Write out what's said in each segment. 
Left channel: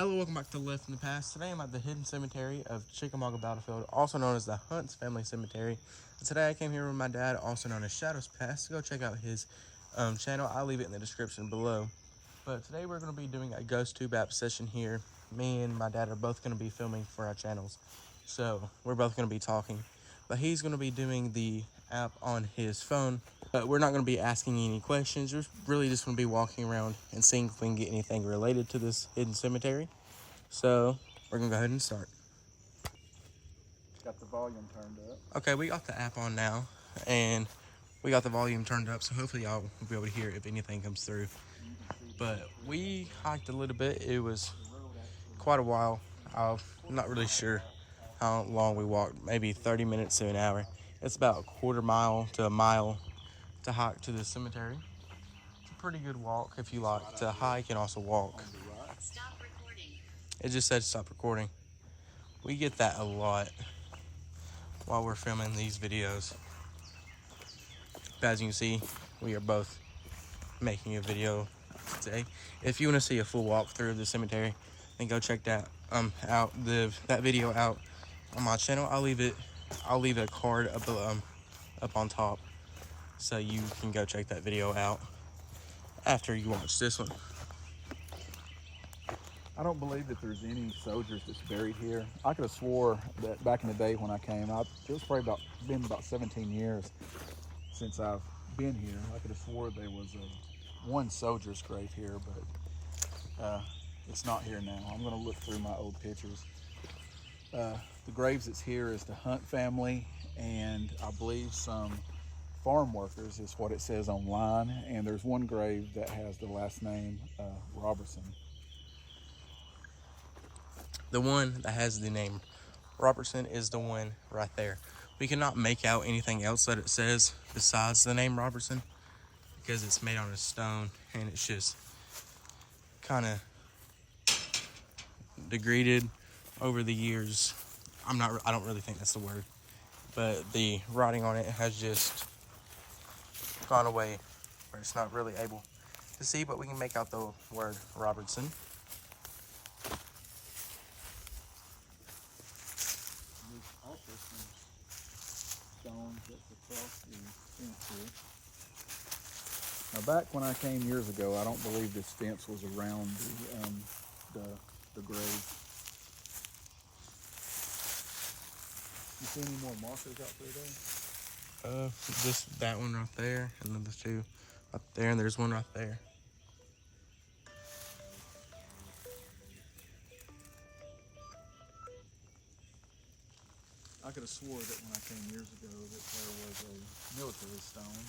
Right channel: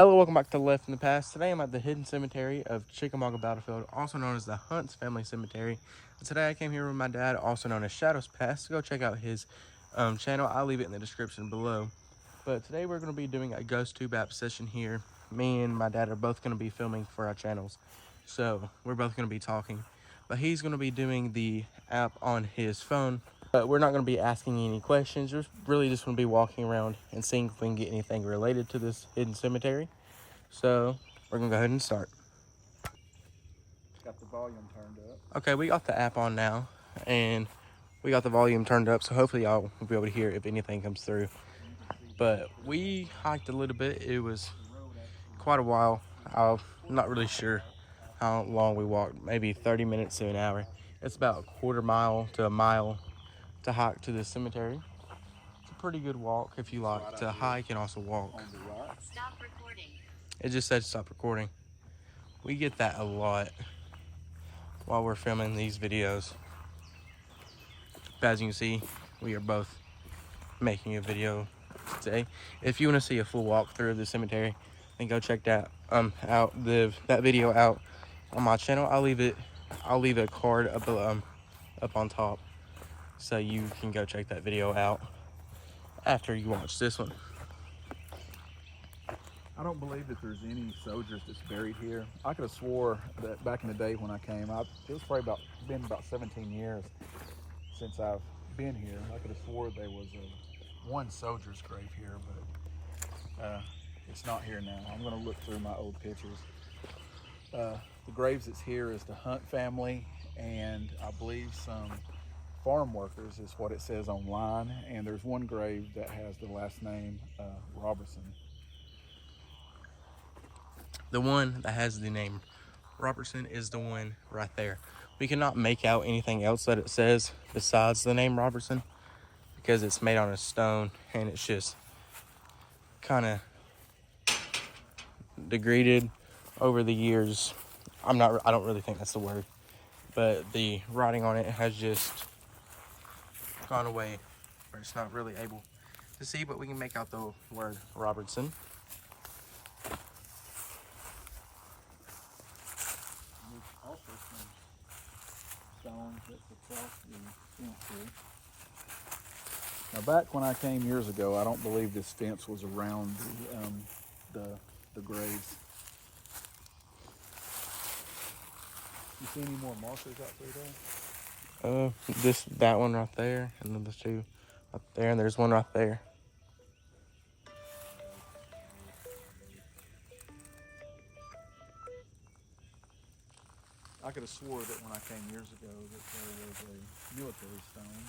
Hello, welcome back to Left in the Past. Today I'm at the hidden cemetery of Chickamauga Battlefield, also known as the Hunt's Family Cemetery. And today I came here with my dad, also known as Shadows Past, to go check out his channel. I'll leave it in the description below. But today we're going to be doing a GhostTube app session here. Me and my dad are both going to be filming for our channels. So we're both going to be talking. But he's going to be doing the app on his phone. But we're not going to be asking any questions. We're really just going to be walking around and seeing if we can get anything related to this hidden cemetery. So we're going to go ahead and start. Got the volume turned up. Okay, we got the app on now. And we got the volume turned up. So hopefully y'all will be able to hear if anything comes through. But we hiked a little bit. It was quite a while. I'm not really sure how long we walked. Maybe 30 minutes to an hour. It's about a quarter mile to a mile to hike to the cemetery. It's a pretty good walk if you like to hike and also walk. Stop recording. It just said stop recording. We get that a lot while we're filming these videos. As you can see, we are both making a video today. If you want to see a full walkthrough of the cemetery, then go check that that video out on my channel. I'll leave a card up on top, so you can go check that video out after you watch this one. I don't believe that there's any soldiers that's buried here. I could have swore that back in the day when I came, it's probably been about 17 years since I've been here. I could have swore there was one soldier's grave here, but it's not here now. I'm going to look through my old pictures. The graves that's here is the Hunt family, and I believe some farm workers is what it says online. And there's one grave that has the last name Robertson. The one that has the name Robertson is the one right there. We cannot make out anything else that it says besides the name Robertson because it's made on a stone and it's just kind of degraded over the years. I don't really think that's the word, but the writing on it has just gone away where it's not really able to see, but we can make out the word Robertson. Also some stones that's across the fence here. Now back when I came years ago, I don't believe this fence was around the grave. You see any more markers out there? Just that one right there, and then the two up there, and there's one right there. I could have swore that when I came years ago that there was a military stone.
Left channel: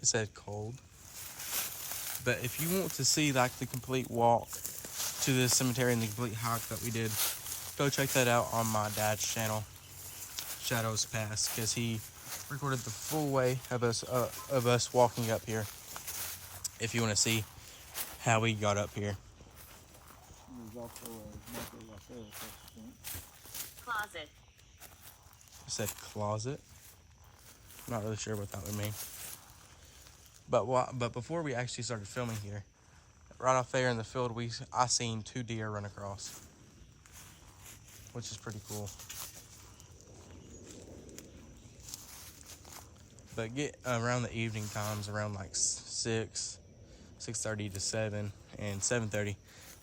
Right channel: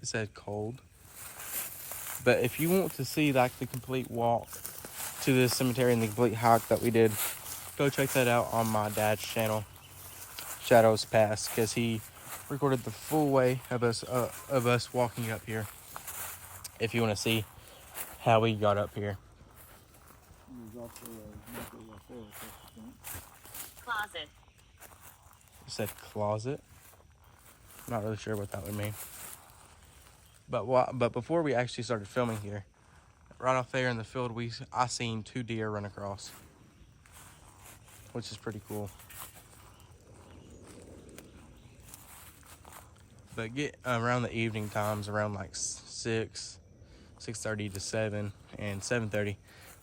It said cold. But if you want to see like the complete walk to the cemetery and the complete hike that we did, go check that out on my dad's channel, Shadows Past, because he recorded the full way of us walking up here. If you want to see how we got up here. There's also a marker right there across the fence. Closet. It said closet. I'm not really sure what that would mean. But before we actually started filming here, right off there in the field, I seen 2 deer run across, which is pretty cool. But get around the evening times, around like 6:30 to 7, and 7:30,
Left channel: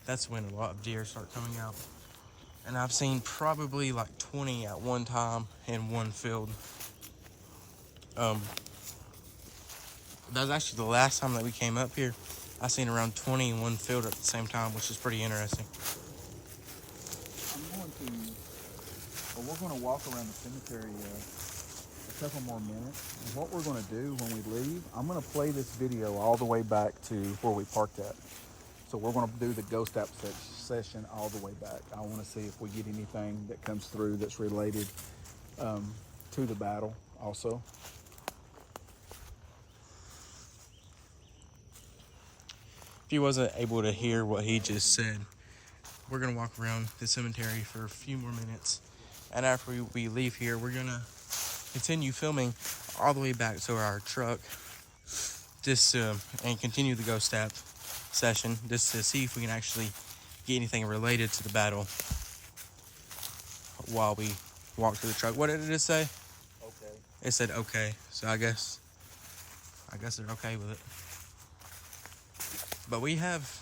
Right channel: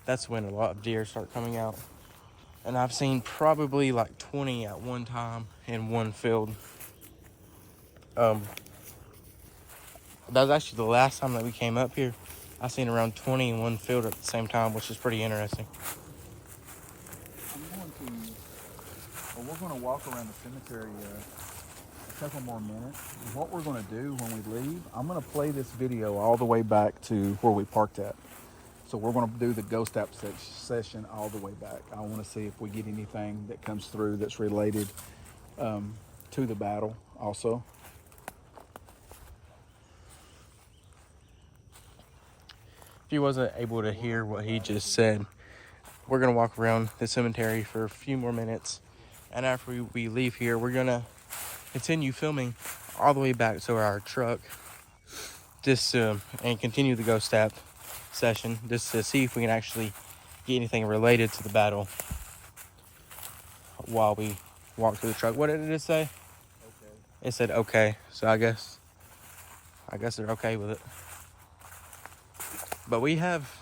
that's when a lot of deer start coming out. And I've seen probably like 20 at one time in one field. That was actually the last time that we came up here. I seen around 20 in one field at the same time, which is pretty interesting. We're going to walk around the cemetery a couple more minutes. And what we're going to do when we leave, I'm going to play this video all the way back to where we parked at. So we're going to do the ghost app session all the way back. I want to see if we get anything that comes through that's related to the battle also. If you wasn't able to hear what he just said, we're going to walk around the cemetery for a few more minutes. And after we leave here, we're going to continue filming all the way back to our truck and continue the ghost app session just to see if we can actually get anything related to the battle while we walk to the truck. What did it say? Okay. It said okay, so I guess they're okay with it. But we have,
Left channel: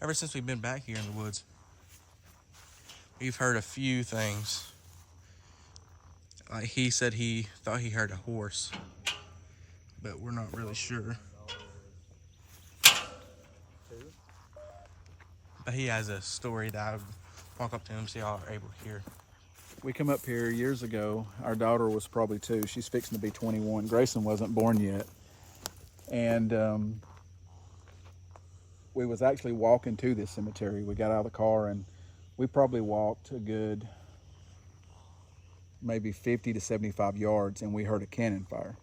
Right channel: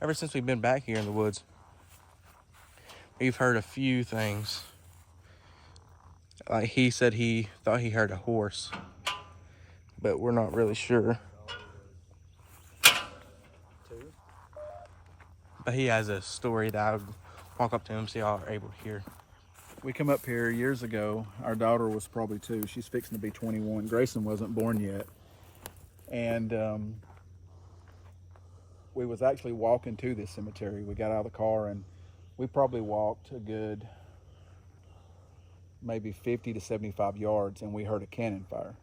ever since we've been back here in the woods, we've heard a few things. Like he said he thought he heard a horse, but we're not really sure. But he has a story that I would walk up to him, see y'all are able to hear. We come up here years ago. Our daughter was probably 2. She's fixing to be 21. Grayson wasn't born yet. And we was actually walking to this cemetery. We got out of the car and we probably walked a good maybe 50 to 75 yards and we heard a cannon fire.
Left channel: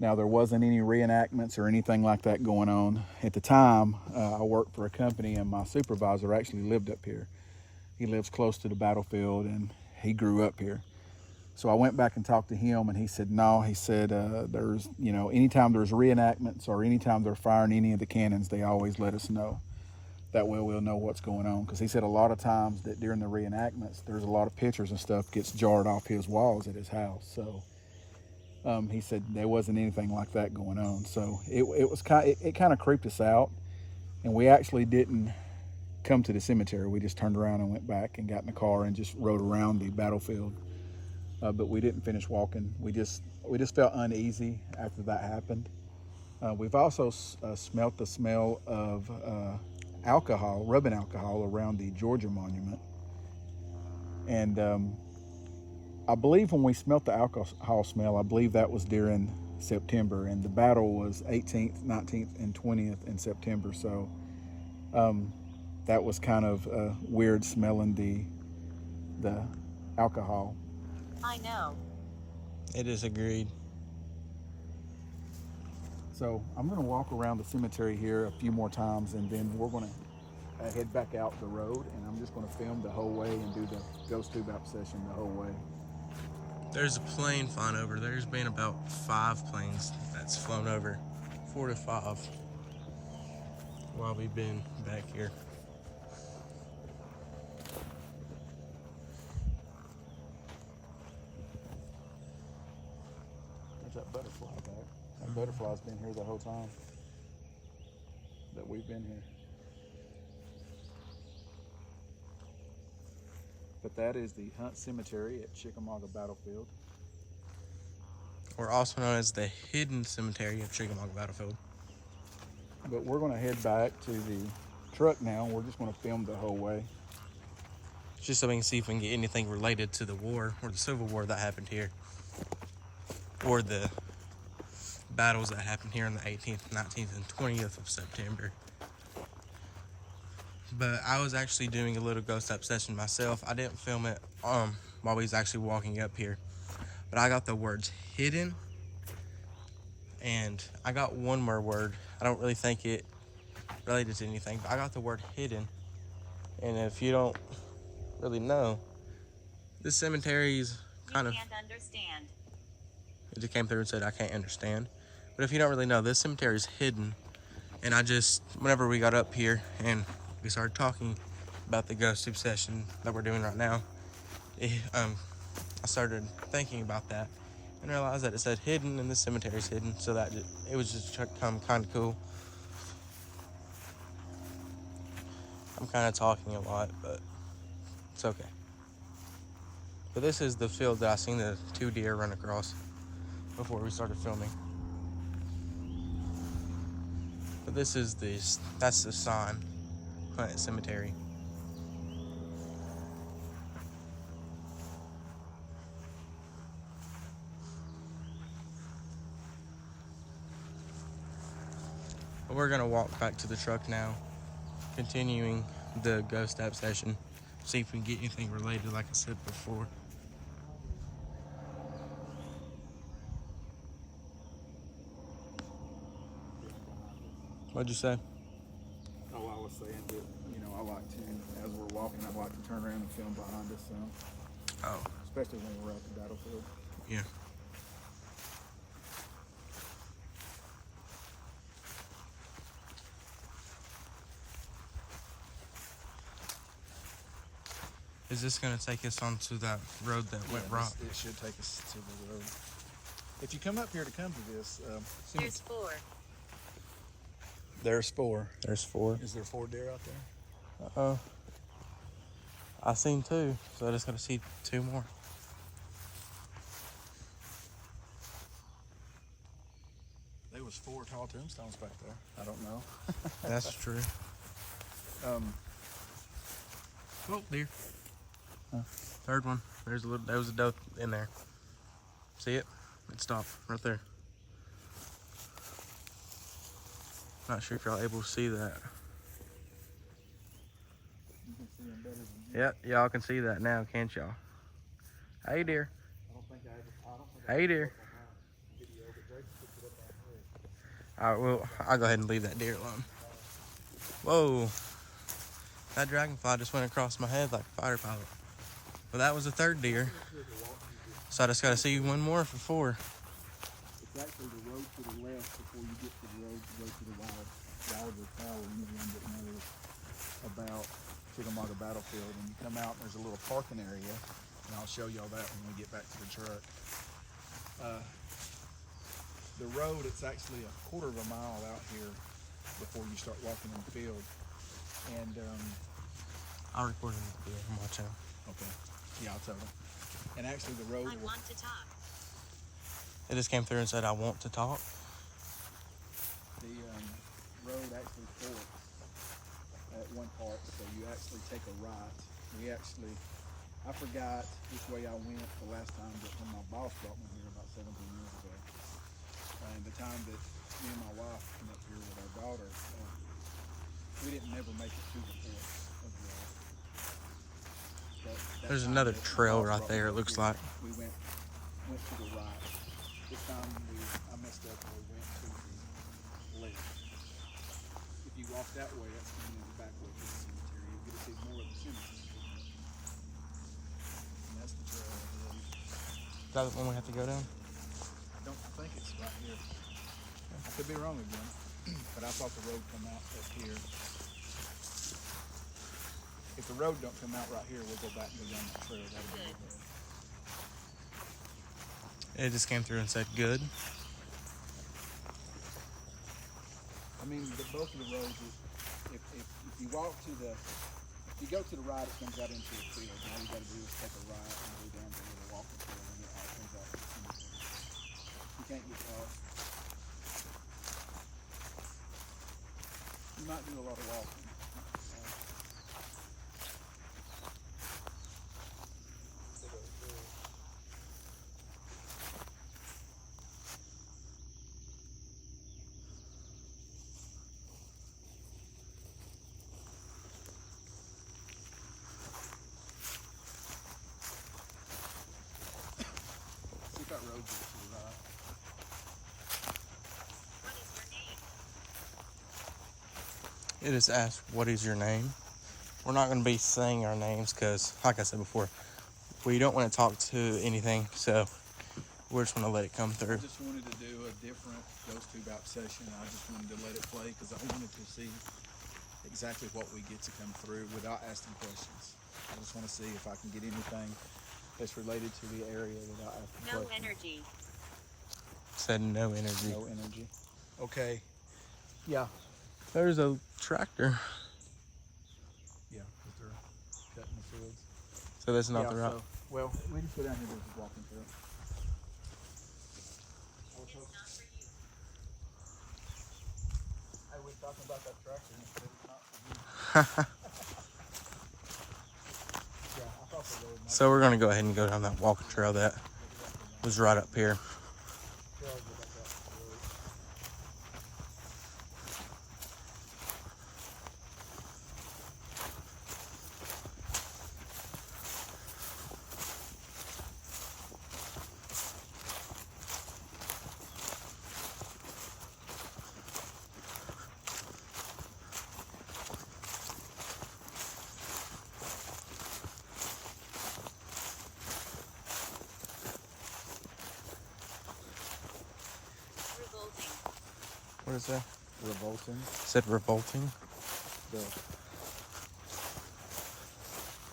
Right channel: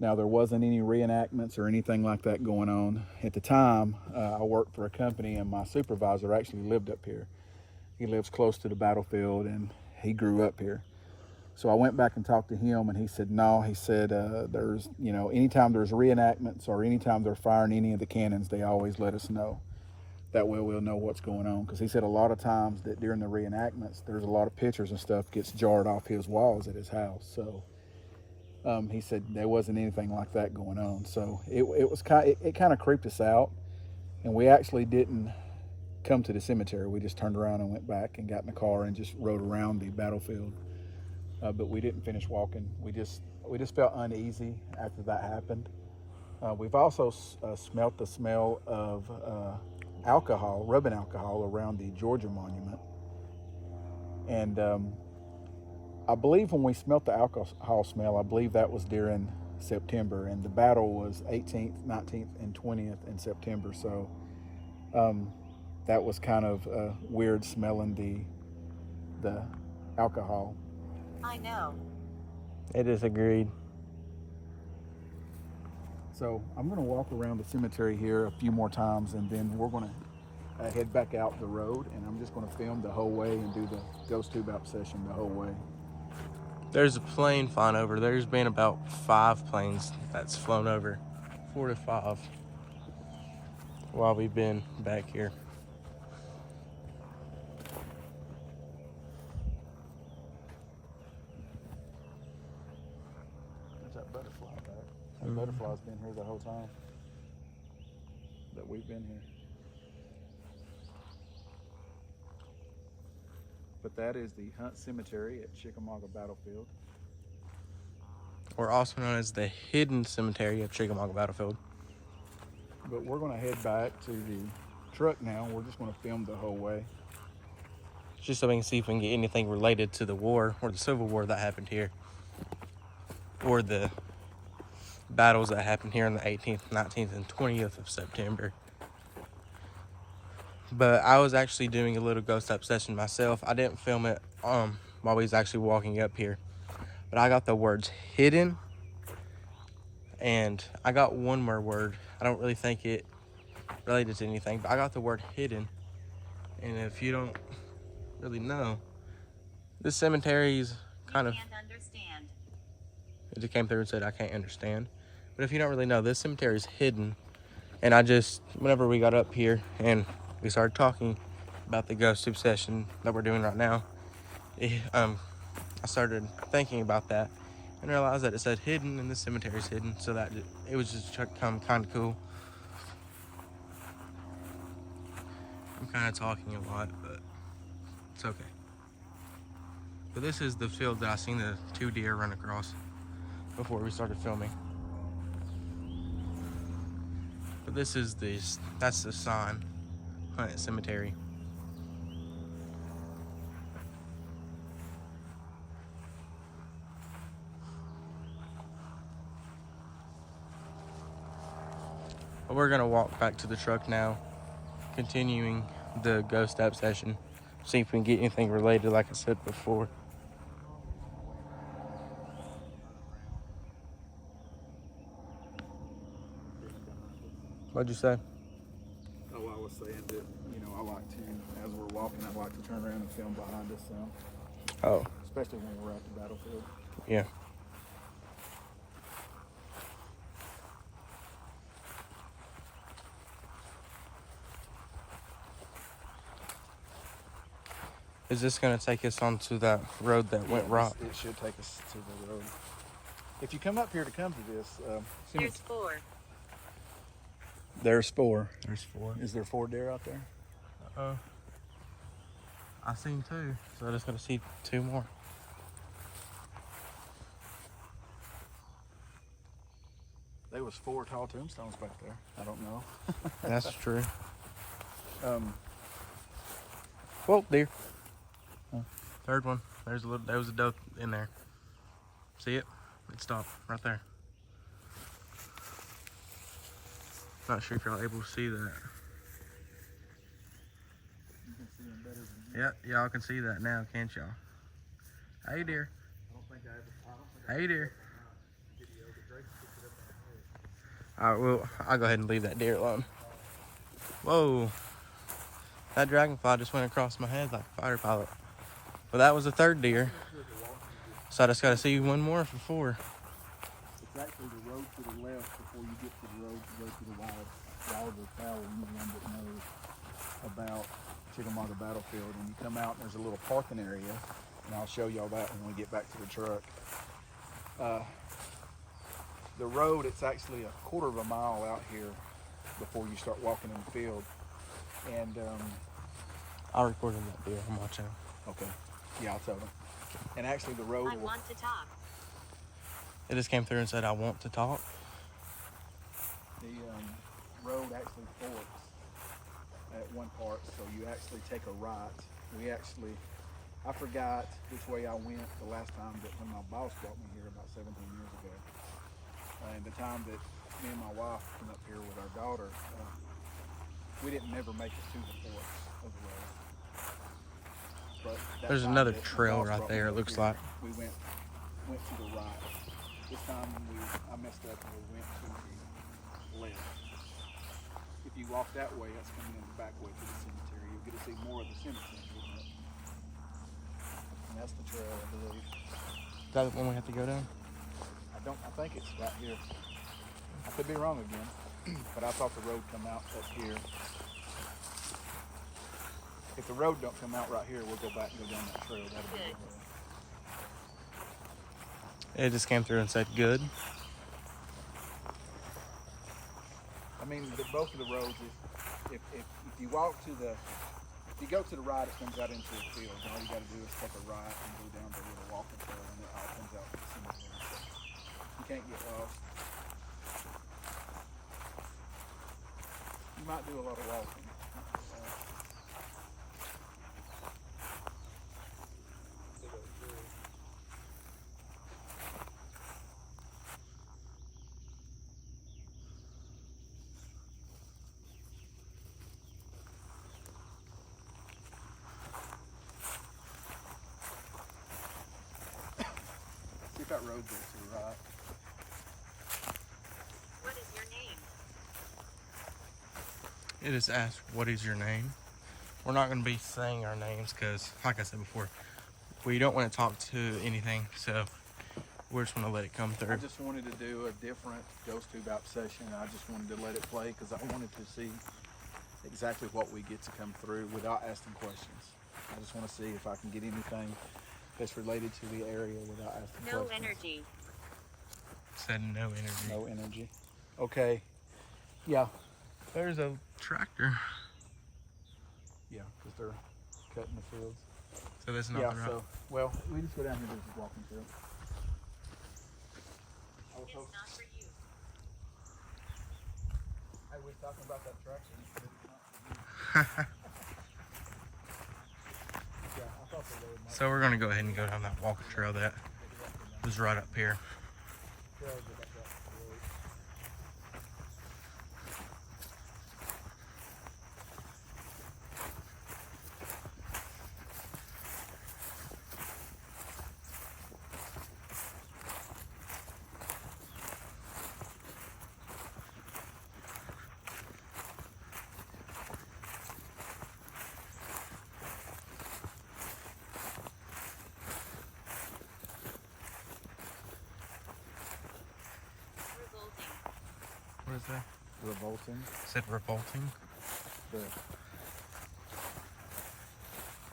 Now there wasn't any reenactments or anything like that going on. At the time, I worked for a company and my supervisor actually lived up here. He lives close to the battlefield and he grew up here. So I went back and talked to him and he said, no, he said, there's, anytime there's reenactments or anytime they're firing any of the cannons, they always let us know. That way we'll know what's going on. Because he said a lot of times that during the reenactments, there's a lot of pictures and stuff gets jarred off his walls at his house. So he said there wasn't anything like that going on. So it kind of creeped us out. And we actually didn't come to the cemetery. We just turned around and went back and got in the car and just rode around the battlefield. But we didn't finish walking. We just felt uneasy after that happened. We've also smelt the smell of alcohol, rubbing alcohol around the Georgia monument. And I believe when we smelt the alcohol smell, I believe that was during September, and the battle was 18th, 19th, and 20th in September. So that was kind of weird smelling the alcohol. I know. It is agreed. So I'm going to walk around the cemetery here a few more times, and then we're going to head back out the road, and I'm just going to film the whole way and do the GhostTube app session the whole way. There's a plane flying over. There's been about 5 planes that's flown over, 4 to 5, while we've been back here. There's that butterfly back. The butterfly's been here the whole time that we've been here. But that is the Hunt Cemetery at Chickamauga Battlefield. Or also known as the Hidden Cemetery of Chickamauga Battlefield. But we're going to head back to the truck now. We're just going to film the whole way. Just so we can see if we can get anything related to the war or the Civil War that happened here. Or the battles that happened here on the 18th, 19th, and 20th of September. But I was actually doing a little ghost up session myself. I didn't film it while we was actually walking up here. But I got the words hidden, and I got one more word. I don't really think it related to anything, but I got the word hidden. And if you don't really know, this cemetery is kind of... Can't understand. It just came through and said, I can't understand. But if you don't really know, this cemetery is hidden. And I just, whenever we got up here and we started talking about the GhostTube session that we're doing right now, I started thinking about that and realized that it said hidden and the cemetery is hidden, so that it was just kind of cool. I'm kind of talking a lot, but it's okay. But this is the field that I seen the 2 deer run across before we started filming. But that's the sign, Hunt Cemetery. But we're gonna walk back to the truck now, continuing the ghost app session, see if we can get anything related, like I said before. What'd you say? Oh, I was saying that, I like to, as we're walking, I like to turn around and film behind us some. Oh. Especially when we're at the battlefield. Yeah. Is this gonna take us onto that road that went rock? It should take us to the road. If you come up here to come to this, There's 4. there's 4. There's 4. Is there 4 deer out there? I seen 2, so I just gotta see 2 more. There was 4 tall tombstones back there. I don't know. That's true. Um, Whoa, deer. Huh? Third one. There was a doe in there. See it? It stopped right there. Not sure if y'all able to see that. you can see them better than me. Yep, y'all can see that now, can't y'all? Hey, deer. I don't think I ever. Hey, deer. Video, but Drake picked it up out there. All right, well, I'll go ahead and leave that deer alone. Whoa. That dragonfly just went across my head like a fighter pilot. Well, that was the 3rd deer. So I just got to see 1 more for 4. It's actually the road to the left before you get to the road to go to the Wilder Tower. You're the one that knows about Chickamauga Battlefield. And you come out, there's a little parking area, and I'll show y'all that when we get back to the truck. The road, it's actually a quarter of a mile out here before you start walking in the field. And I recorded that deer. I'm watching. okay, yeah, I'll tell it. And actually, the road. I want to talk. It just came through and said, I want to talk. The road actually forks at one part, so you actually take a right. I forgot which way I went the last time, but when my boss brought me here about 17 years ago, and the time that me and my wife came up here with our daughter, we didn't never make it to the fork of the road. But There's another trail right there, it looks like. We went to the right. This time I messed up and we went to the left. If you walk that way, that's going to the back way. You'll get to see more of the cemetery. And that's the trail, I believe. Is that the one we have to go down? I think it's right here. I could be wrong again, but I thought the road come out up here. If the road don't come out right here, we'll go back and go down that trail. That'll be good. It just came through and said, good. I mean, both of the roads, if you walk to the, if you go to the right, it comes out into the field. All you got to do is take a right and go down the little walking trail, and it comes out to the cemetery. You can't get lost. You might do a lot of walking. It just asked, what is your name? We're not going to be saying our names because, like I said before, we don't want to talk to anything, so we're just going to let it come I through. just wanted to do a different GhostTube out session. I just wanted to let it play because I wanted to see exactly what we get to come through without asking questions. I just want to see if I can get anything that's related to the area without asking No questions. energy. Said no energy. No energy. Okay. Yeah. There's a tractor. Yeah, but they're cutting the fields. So that's not yeah, the route. so, well, we just go down here to the dropping field. It's not for you. Hey, we talking about that tractor and it's not for you. Yeah, I thought the road might So we're going to go ahead and go down that walking trail that was right up here. trail go back out to the road. Revolting. What is that? Revolting. It said revolting.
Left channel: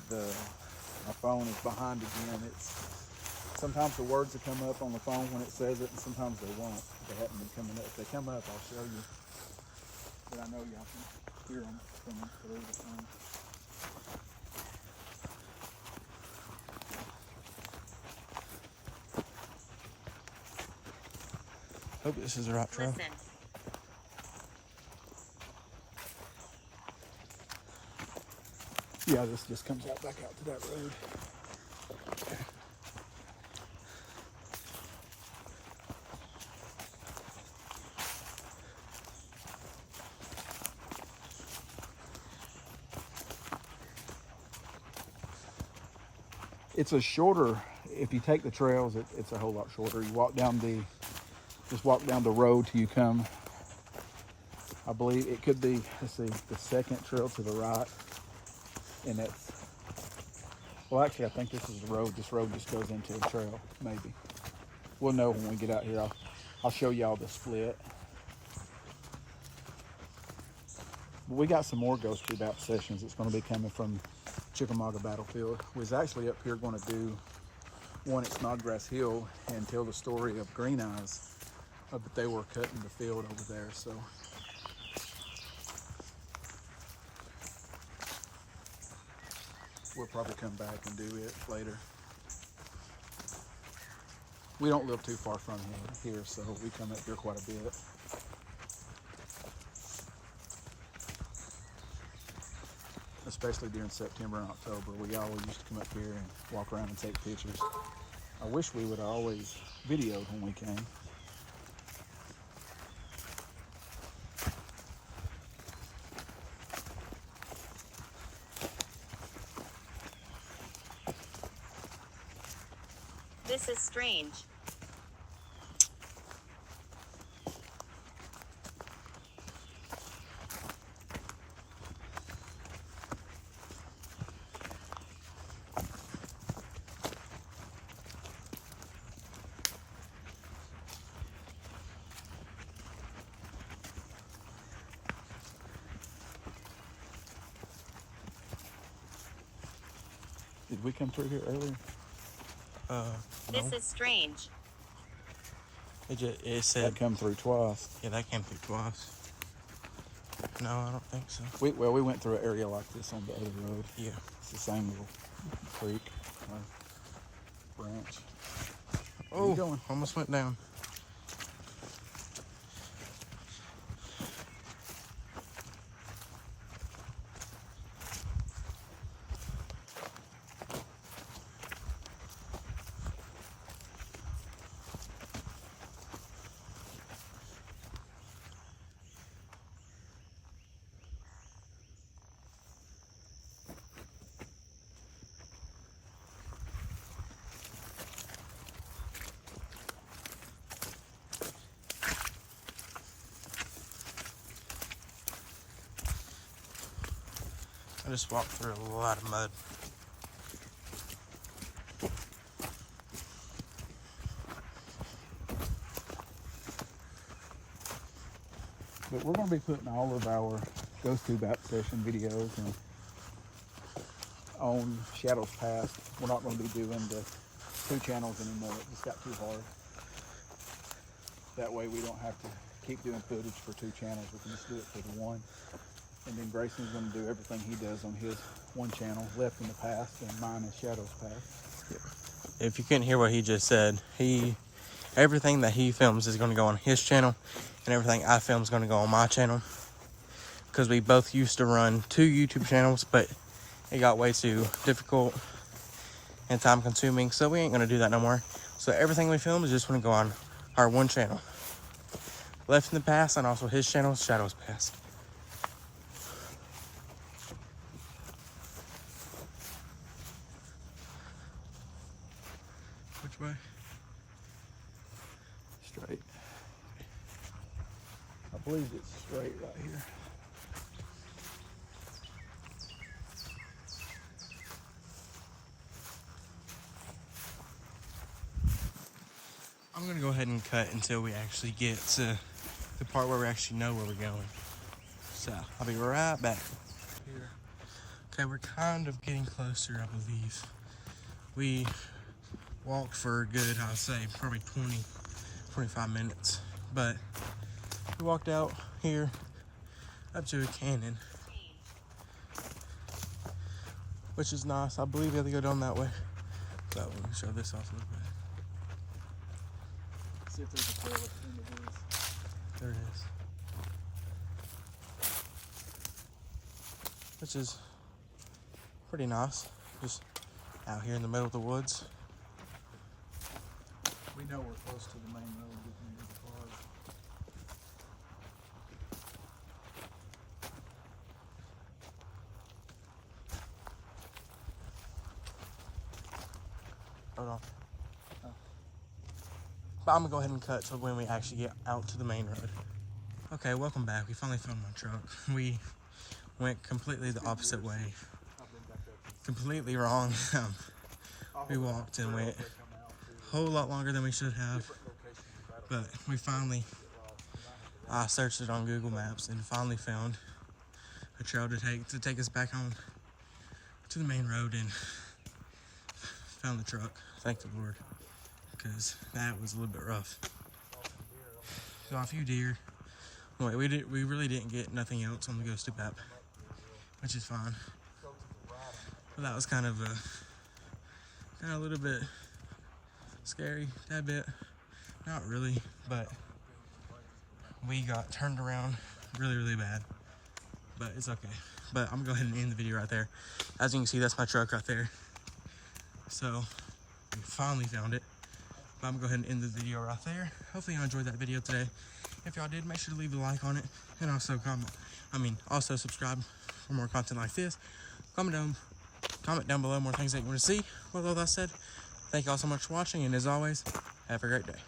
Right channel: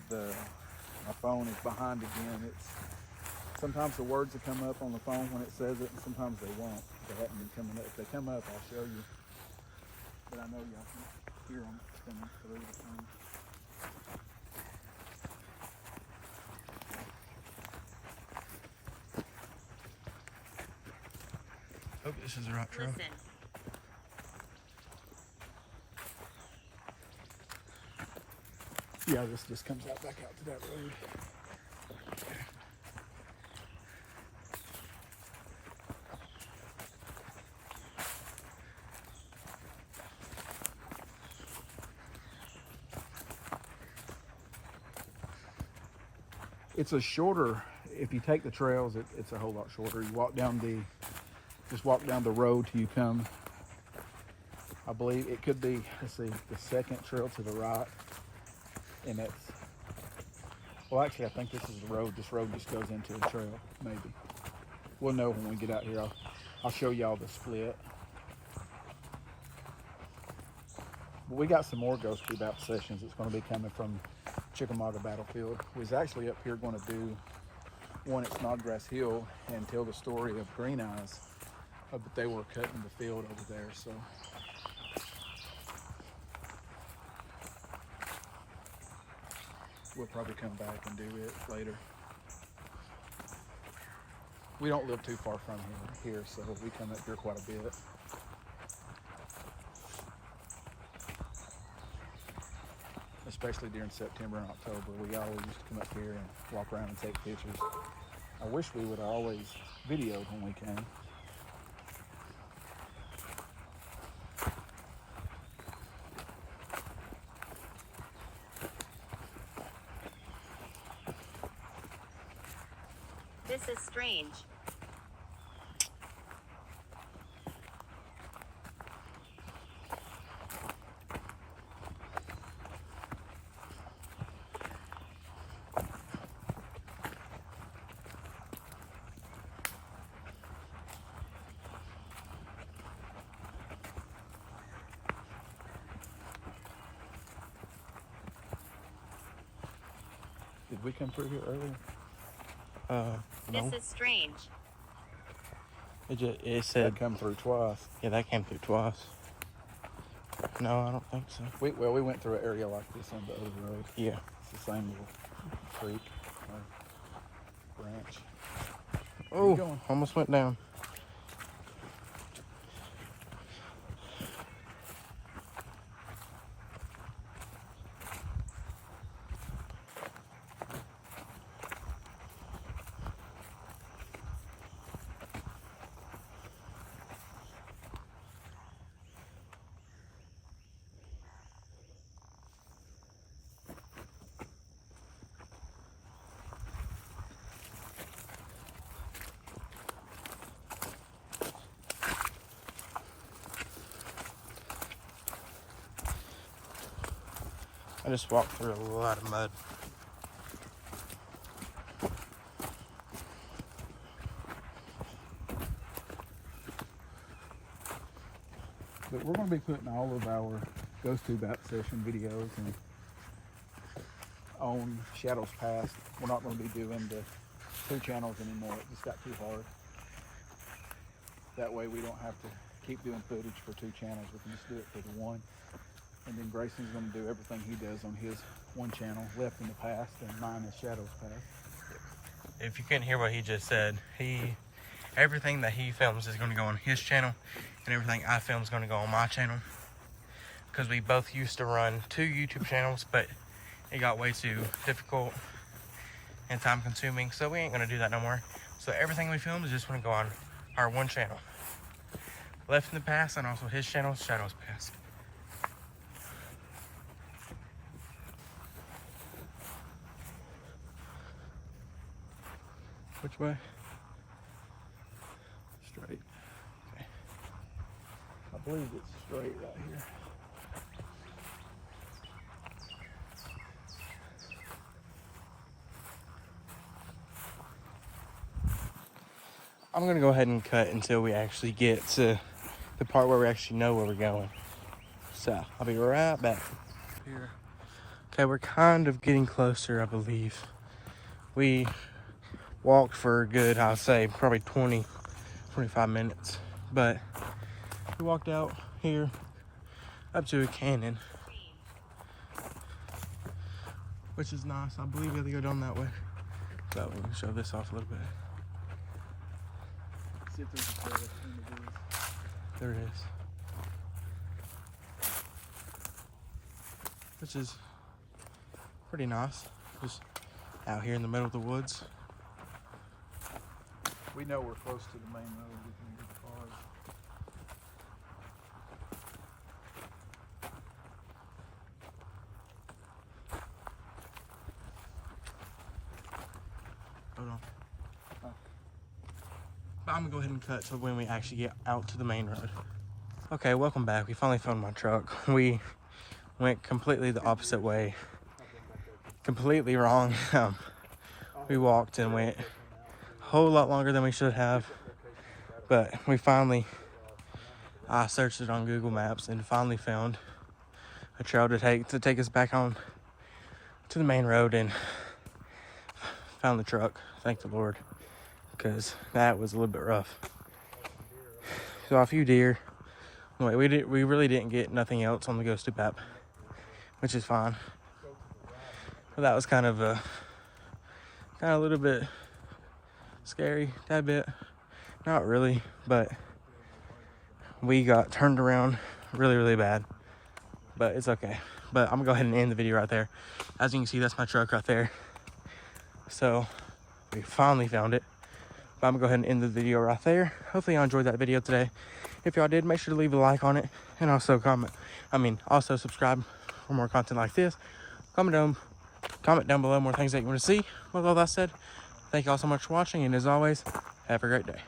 The My phone is behind again. It's sometimes the words will come up on the phone when it says it, and sometimes they won't. They haven't been coming up. If they come up, I'll show you. But I know y'all can hear them coming through the phone. Hope this is the right trail. Listen. Yeah, this just comes out back out to that road. It's a shorter, if you take the trails, it's a whole lot shorter. You walk down just walk down the road till you come, I believe it could be, let's see, the second trail to the right. And it's, well, actually, I think this is the road. This road just goes into the trail, maybe. We'll know when we get out here. I'll show y'all the split. But we got some more GhostTube out sessions. It's going to be coming from Chickamauga battlefield. We was actually up here going to do one at Snodgrass Hill and tell the story of Green Eyes, but they were cut in the field over there. So we'll probably come back and do it later. We don't live too far from here, so we come up here quite a bit. Especially during September and October, we always used to come up here and walk around and take pictures. I wish we would have always videoed when we came. This is strange. Did we come through here earlier? No. This is strange. It said, They come through twice. yeah, that came through twice. No, I don't think so. We went through an area like this on the other road. Yeah. It's the same little creek, branch. Oh, going? almost went down. I just walked through a lot of mud. But we're going to be putting all of our GhostTube app session videos and on Shadows Past. We're not going to be doing the 2 channels anymore. It just got too hard. That way we don't have to keep doing footage for 2 channels. We can just do it for the one. And then Grayson's going to do everything he does on his one channel, Left in the Past, and mine is Shadows Past. If you couldn't hear what he just said, everything that he films is going to go on his channel, and everything I film is going to go on my channel. Because we both used to run 2 YouTube channels, but it got way too difficult and time consuming, so we ain't going to do that no more. So everything we film is just going to go on our one channel, Left in the Past, and also his channel, Shadows Past. Which way? Straight. I believe it's straight right here. I'm going to go ahead and cut until we actually get to the part where we actually know where we're going. So, I'll be right back. Okay, we're kind of getting closer, I believe. We walked for a good, I'll say, probably 20-25 minutes. But we walked out here up to a canyon, which is nice. I believe we have to go down that way. So we can show this off a little bit. See if there's a trail between these. There it is. Which is pretty nice. Just out here in the middle of the woods. We know we're close to the main road. We can get the cars. Hold on. But I'm gonna go ahead and cut to when we actually get out to the main road. Okay, welcome back. We finally found my truck. We went completely the opposite way. Completely wrong. We walked and went a whole lot longer than we should have. But we finally, I searched it on Google Maps and finally found a trail to take us back on to the main road, and found the truck. Thank the Lord, because that was a little bit rough. Saw a few deer. Anyway, we really didn't get nothing else on the GhostTube app, which is fine. But that was kind of a little bit scary, tad bit. Not really, but we got turned around really, really bad. But it's okay. But I'm gonna go ahead and end the video right there. As you can see, that's my truck right there. So we finally found it. But I'm gonna go ahead and end the video right there. Hopefully y'all enjoyed that video today. If y'all did, make sure to leave a like on it, and also also subscribe for more content like this. Comment down below more things that you want to see. With all that said, thank you all so much for watching, and as always, have a great day.